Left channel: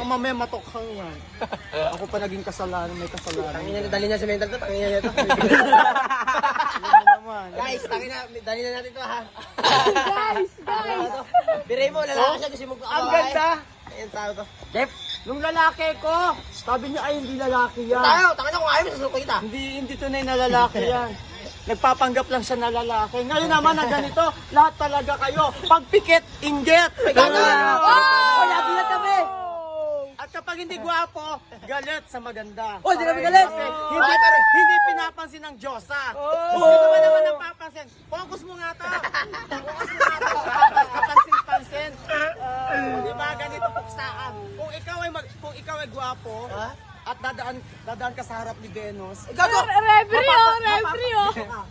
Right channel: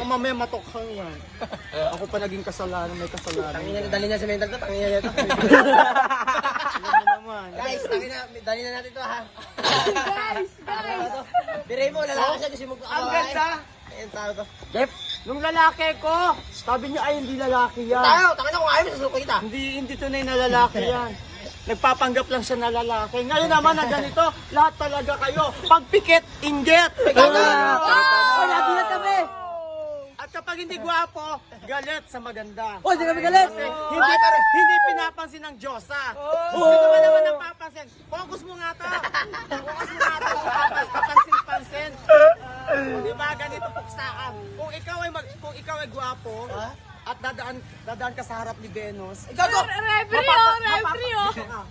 Baka mamaya matokhang yan. Ako pa naging kasalanan, may kasalanan. Tangina na, dali na sa mental to. Tangina na to. Ano naman? Guys, tangina, dali na natin to ha. Biray mo, lalaki siya kasi magkakabahay. Ang ganda. Ayun tao to. Dep, nung lalaki ko, sabi niya ay hindi lalaki yan. Tayo, tangina kung ayaw mo, susuko kita. Hindi tunay na lalaki yan. Nagpapanggap lang siya na lalaki. Ngayon naman na ganito, lahat talaga kayo. Pagpikit, inggit. Kaya kami. At kapag hindi gwapo, galit sa maganda. Oh, di namin galit. Kasi hindi pinapansin ng Diyosa. Hindi naman napapansin. Focus mo nga to. Focus mo nga to. Kapansin-pansin. Di ba ganito puksaan? Kung ikaw ay gwapo, at dadaan ka sa harap ni Venus. Gago!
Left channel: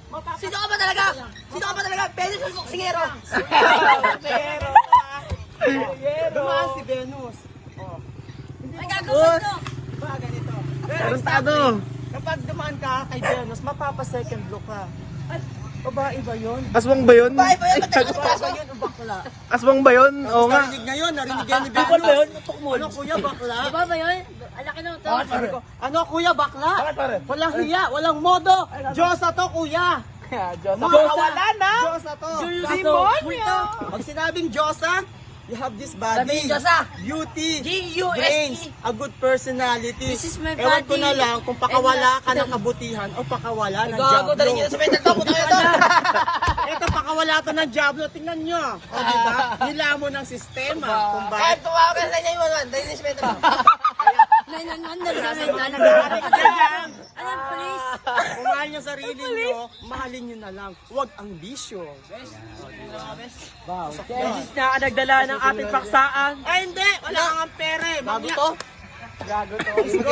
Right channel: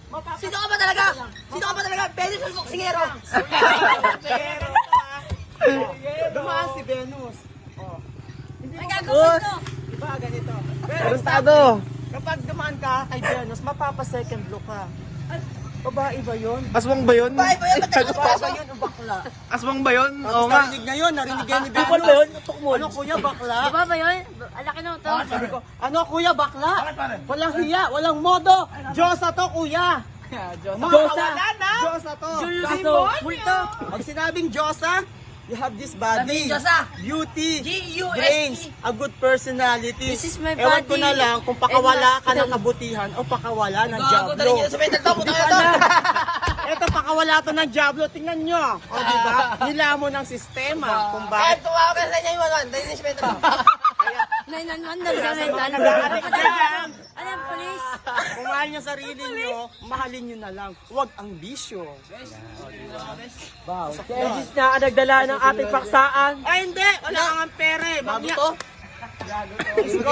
Mapapa. Sino ka ba talaga? Sino ka ba talaga? Venus o Boksingero? Dumaan si Venus. Hindi mo diba ganito? Pero kapag dumaan ka kay Venus, mapapa second look ka. Babae ba yun? Aswang ba yun? Bahay ba yun? Babae ba yun o bakla? Aswang ba yun? Oo nga. Narinig ngayon, narinig yan ni Venus. Bakla ba yun? Ano kuya, bakla? Diba ba yun? Alaki na ito. Sabi ko, ano kuya, bakla? Walang hiya, walang modo. Diyosa to kuya. Diyosa to. Pag sinabing Diyosa, you have this body, beauty, brains, a good personality. This is my Ewan ko body. na lang kung pakawala ka ng kabutihan o pakawala ng Gago, dali Diablo. niya sa mental to. Puta to. Ito, pakawala to ng Diablo. Tingnan nyo. O, diba? Nilamon ng sistema. Kung Ay, bakit. tumawa ka sa 911. Dali niya sa mental to. 911 na Nag-aaral ka dyan. Ayan, police. Kung mahal nyo sarili nyo, mahalin nyo na lang. Huwag ang bisyo. Isis na ang nagdala ng ating paksaan. Ay, hindi. Wala kang pere. Bago to.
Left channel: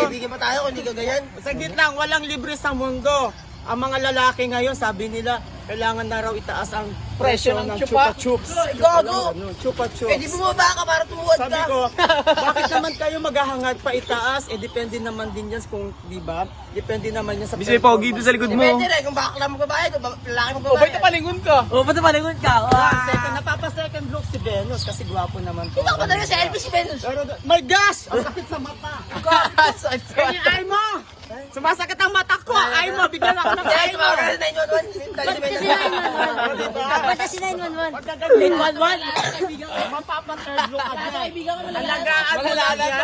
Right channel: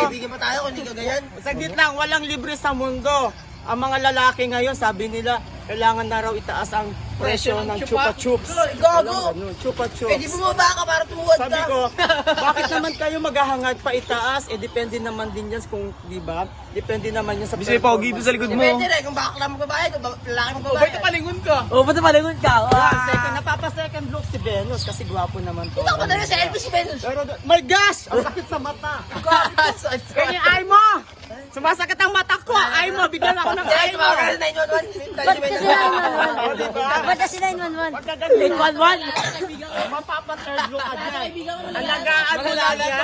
Bigyan pa tayo kung hindi ka ganyan. Saglit lang, walang libre sa mundo. Ang mga lalaki ngayon, sabi nila, kailangan na raw itaas ang presyo ng chupa chups. Gago. Chupa Eh, di chups. bumaba ka para tumuwad Sabi ka. ko, bakit naman kayo maghahangad pa itaas? Depende naman din yan kung, di ba? Depende naman yan sa Bisay pogi doon sa likod mo. Depende rin kung bakla mo babae, kung lalaki mo babae. palingon ka? Oh, ba't palingon ka? Second, napapa-second look si Venus kasi gwapo naman to. Ito ka talaga sa Elvis Venus. Pero, my gosh! Ang sakit sa mata. Kaya ay mo! Sumasakit ang mata ko! Ay mo! Bigyan ako ng Dahil ay mo! tumawag ka sa 911. Dali sa mental to. O, diba? Ba't na si 911? Pagkagaling 111, mapapa-third look ka dyan. Alagaan mo lang yan.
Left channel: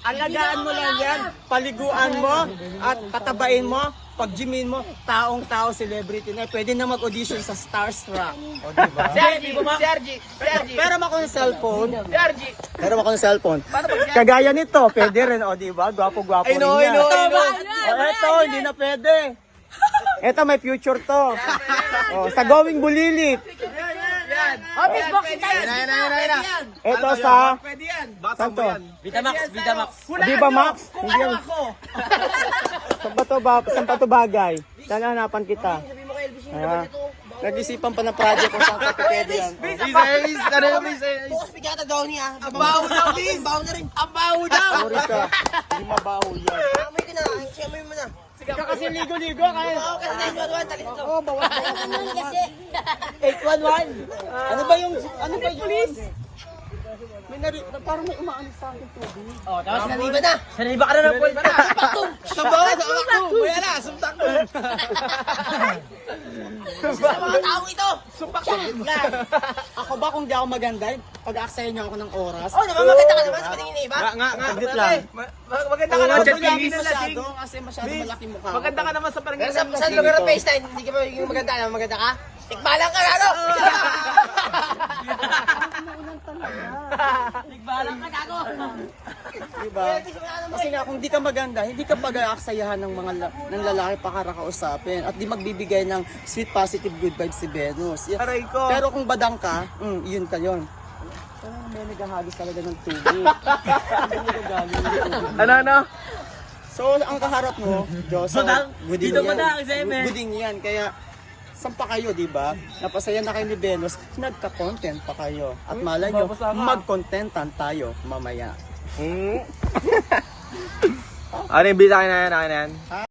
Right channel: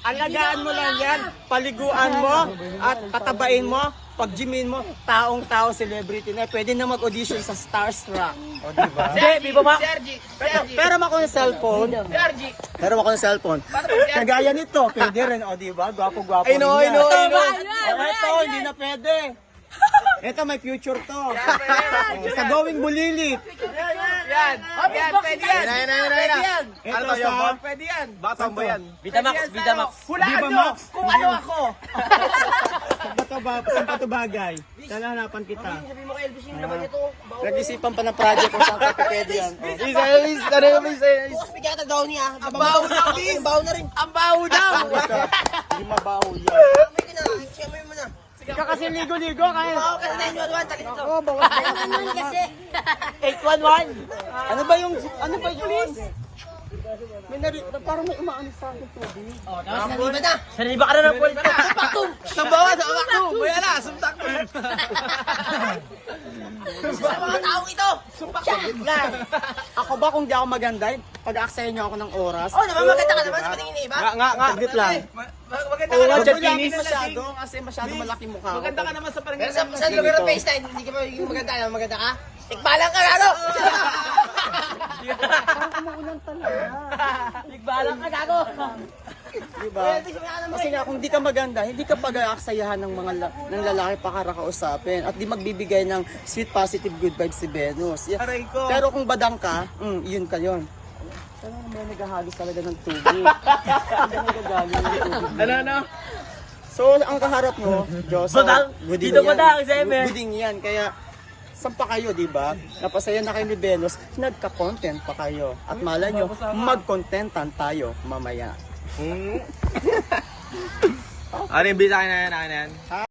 Alagaan mo lang yan. Paliguan mo at patabain mo. Pag gymin mo, taong-tao, celebrity na. Pwede na mag-audition sa Starstruck. O, diba? Hindi, ba? Sergi. Pero ako yung cellphone. Pero ako yung cellphone. Kagaya nito, pwede rin. O, diba? Gwapo-gwapo. I know. Ito, hindi na pwede. Ito, may future to. Oh, sa Going Bulilit. Ito sa... Pwede yan. Saan to? Vitamax. Di ba, Max? Hindi yan. Saan pa to bagay? Saan hanapan kita? Sabi mo kay Elvis yung Ah, naman ito. Nag-isipan pa ng project kung saan pa pwede yan. Oh. Isis, ano may Isis? Bukas bigyan daw niya. Ang baho na rin. Ang baho na rin. Ang baho daw. Sorry ka. Hindi mabaho yan. Amoy ka na. Amoy mo na. Ikaw kasi ligo-ligo kaya. Baho ka sa 911. Talit ito. Oo, bawas ka kasi. 811. Ano ba yung police? May parang may umaalis sa akin tubig. Oh, tapos naliba na. Saniba ka na ng point. Sabaw mo. May ala. Sumtak mo. Sa mga tao ito. Ako ba kung di ako maganda, pag-aksayan niyo ako ng oras? Oh, naman maganda ka naman sa patingin ni iba. Nga, saglit lang. Oo nga, Huwag Chat mo lang Kinis. masyado kasi masyado malaki mukha ko. Maganda ka naman sa Pero sa lugar ng face na, hindi ka magiging maganda. Maganda ka? Tikbalang ka, ano? Tikbalang ka, gago. Diba? Kasi nga kung di ka maganda, hindi ka pag-aaksayahan ng mga ng lalaki para kausapin at di magbibigay ng sweet positive good vibes si Venus. Yeah. Pero kung badang ka, yun ka yun. Sana may naghahagis talaga ng tubig. Hindi nagagaling yung tubig. Ano? So, ang kaharap mo, Diyosa, Badang. buding Dito yan. badang, Zeme. Buding yan. Kaya, saan pa kayo, di ba? Napasaya na kayo ni Venus, nagka-content pa kayo. At malay nyo, mag-contentan tayo mamaya. Ano yung bisa ka na yan?